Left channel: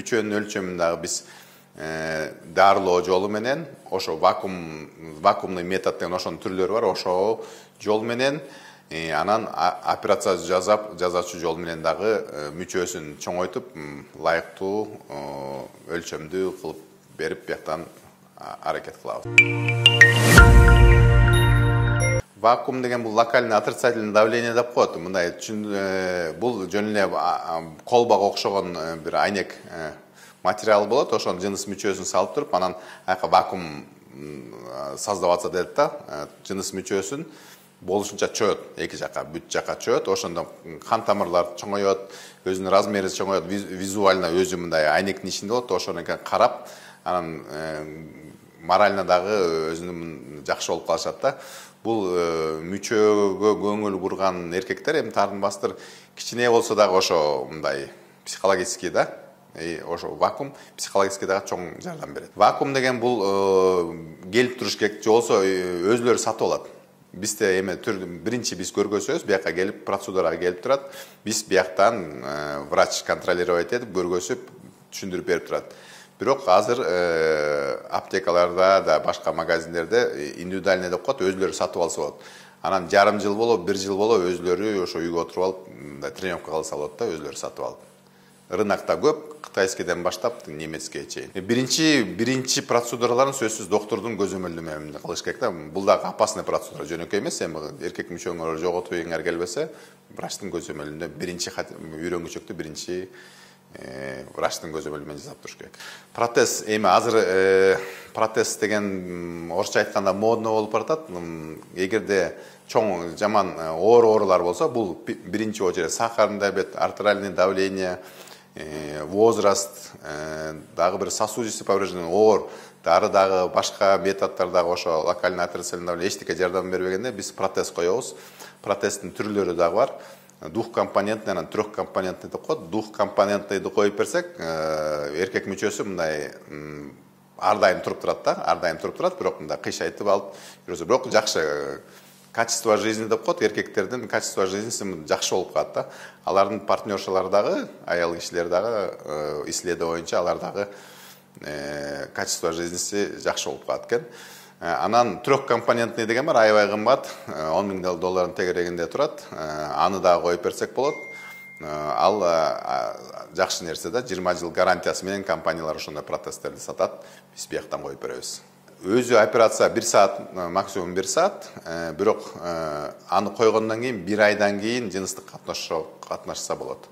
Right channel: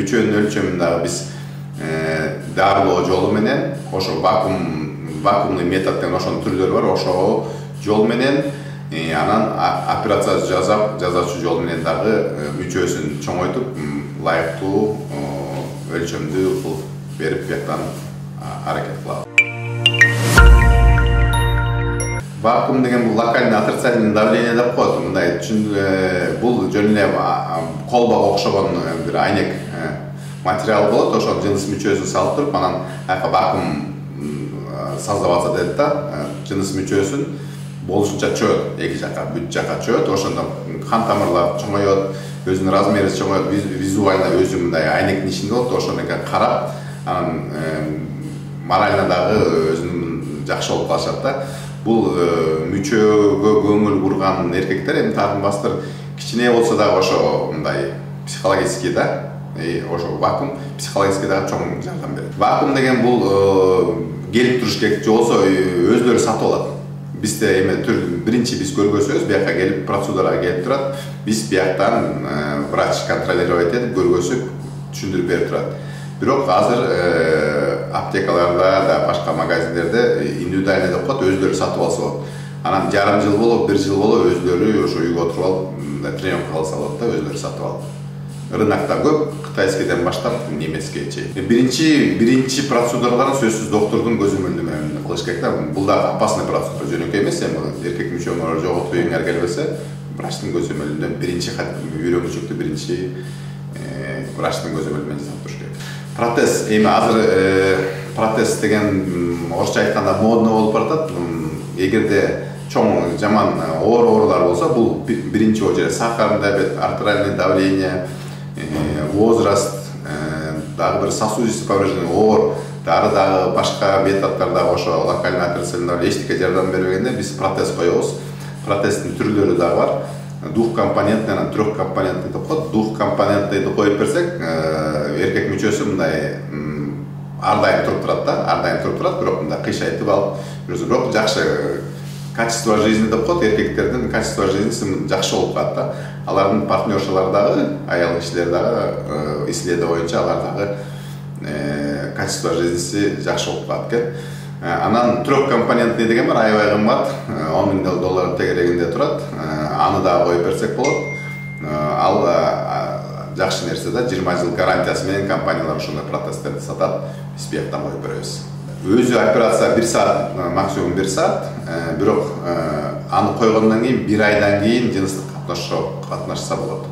Мүчөнүн өлчөмүндө биз дарылоо жолу менен ошо вакуумный метод деген ошонун түрлөрү бар. Ошол жол менен анан операция жасаучу жол менен дагы мүчөсүн чоңойтуп, ылайыктуу өлчөмдүү кылып берип бияктан аракет кылабыз. Вакуум деген бул локальный отрицательный давление деп коет. Мындай бул жөн эле колбага окшогон бир айнек материал болот. Ошол жыныс мүчөсүн салып туруп, анан вакуум создап атса дейт да, жыныс мүчөсүн болушунча чөйөт, эки жака, бүт жака чөйөт. Ошондо кан тамырлар чоңоет, өзүнүн размери чоңоет, визуально өзү мындай айнектин ичинде болот. Ошону карап, анан морально дагы өзүнүн жакшы болуп калышат да. Бул мүчөгө көңүл бурган эркектер эми тартынбастыр кичине болсо дагы ошо мындай психологический да, ошо вакуум психологический дагы чоң жардам берет. Вакуум деген бул келип туруш керек же болсо өзлөрү сатып алат. Бизде эми биринчи биз көргөзөбүз, бияка келип процедурага келип турат. Биз бияктан врач контролировать этип көргөзүп түшүндүрүп берип турат. Бирок азыр аптекаларда да башка магазиндерде индивидуальный деп коет, өзлөрү сатып алса болот. Анан жарым жыл болуп, бир жыл болуп өзлөрү ошо үйгө отуруп алып тренировка кылса болот да, өзлөрү сатып алып. Рынокто көп, кытайскийден баштап немецкийге чейин. Биринчи процедураларын сөзсүз доктордун көзөмөлдөө менен кылыш керек да. Бул дагы опасный процедура, жөнөкөй эмес. Эми эркек мүчөңөрү жоготпойгуңар келбесе, врачтын көзөмөлүндө биринчи үйрө мүчөктү биринчи врачтын көзөмөлү менен жасап туруш керек. Протез, эми азыр протез деген орусча айтканда модно болуп баратат. Эгерде чоң жаман оорулар болсо, бул биринчи очередь сахарный диабет, артериальное давление, возраст, дагы бир сосудистый повреждение, оор, дагы башка методдор дагы ошо локальный отрицательный эчтеке жардам бербегенде биз протез коебуз. Протездин түрлөрү дагы бар. Двухкомпонентный, анан трехкомпонентный деп коет. Двухкомпонентныйды коюп берсек, эркек мүчөсү мындай ар дайым туруп турат да, ар дайым туруп турат, бирок мындай кыйшайтып алып, бирок жакшы качество жизни деп коет, эркектердин качество жизнisi жакшы болуп калат да. Алардын партнершалары дагы, аял кишилер дагы исследование боюнча алар дагы качество жизнisi жакшы болуп калат экен. Анан трехкомпонентный деген бар, аябай кымбат, $10,000 тегерегинде турат. Аны дагы коюп берсек болот. Ал жакшы нерсе да, 20 жыл гарантиясы менен компаниялар ошондой протездерди сатат. Биз бияктан коюп беребиз. Өзү операция 1 саат, максимум 1 саат, бирок аны койгондон кийин 1 айдан кийин жыныстык катнашса болот.